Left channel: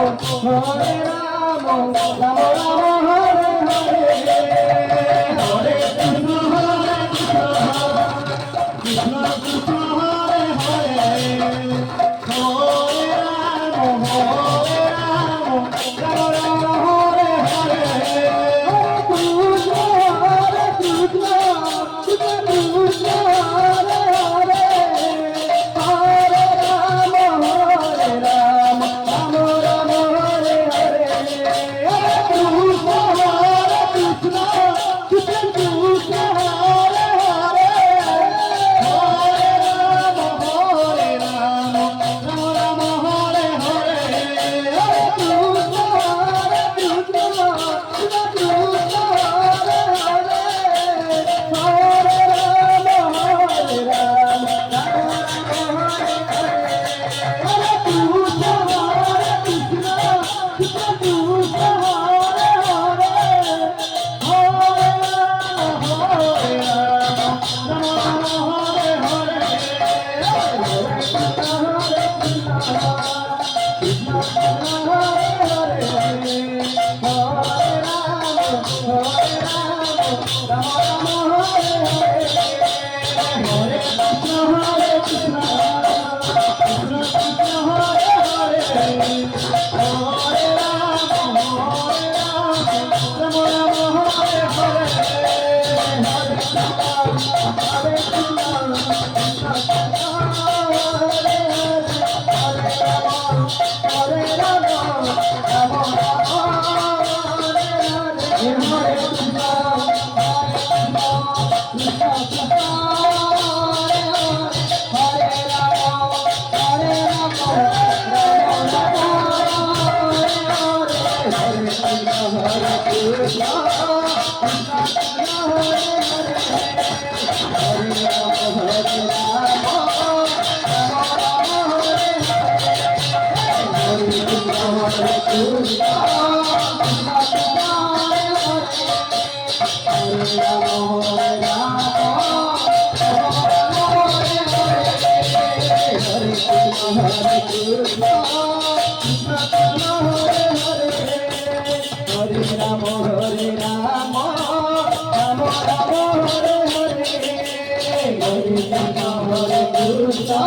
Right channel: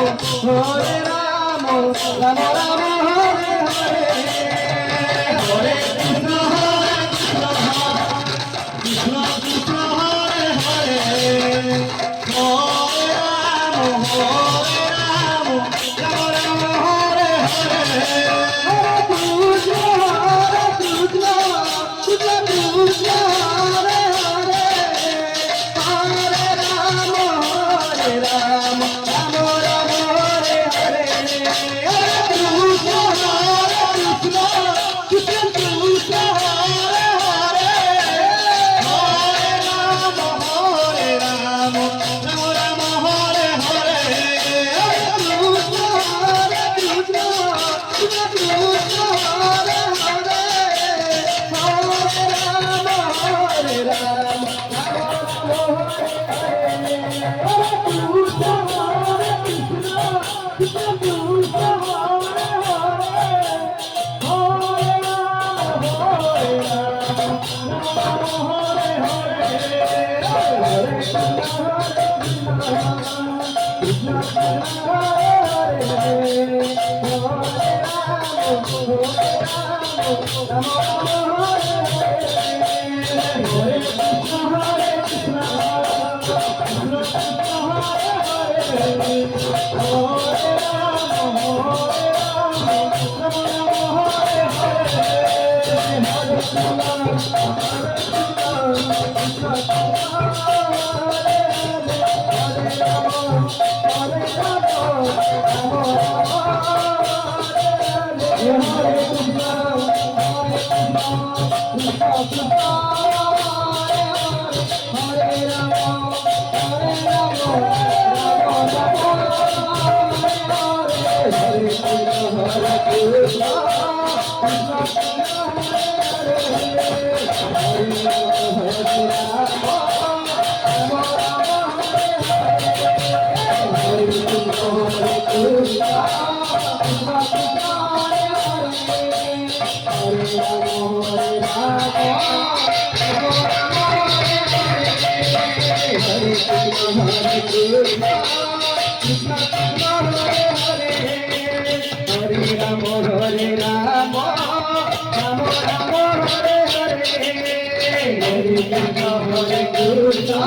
Hare Rama, Rama Rama Hare Hare, Hare Krishna, Krishna Krishna Hare Hare, Hare Rama, Hare Rama, Rama Rama Hare Hare, Hare Krishna, Krishna Krishna Hare Hare, Hare Rama, Hare Rama, Rama Rama Hare Hare, Hare Krishna, Krishna Krishna Hare Hare, Hare Rama, Hare Rama, Rama Rama Hare Hare, Hare Krishna, Krishna Krishna Hare Hare, Hare Rama, Hare Rama, Rama Rama Hare Krishna,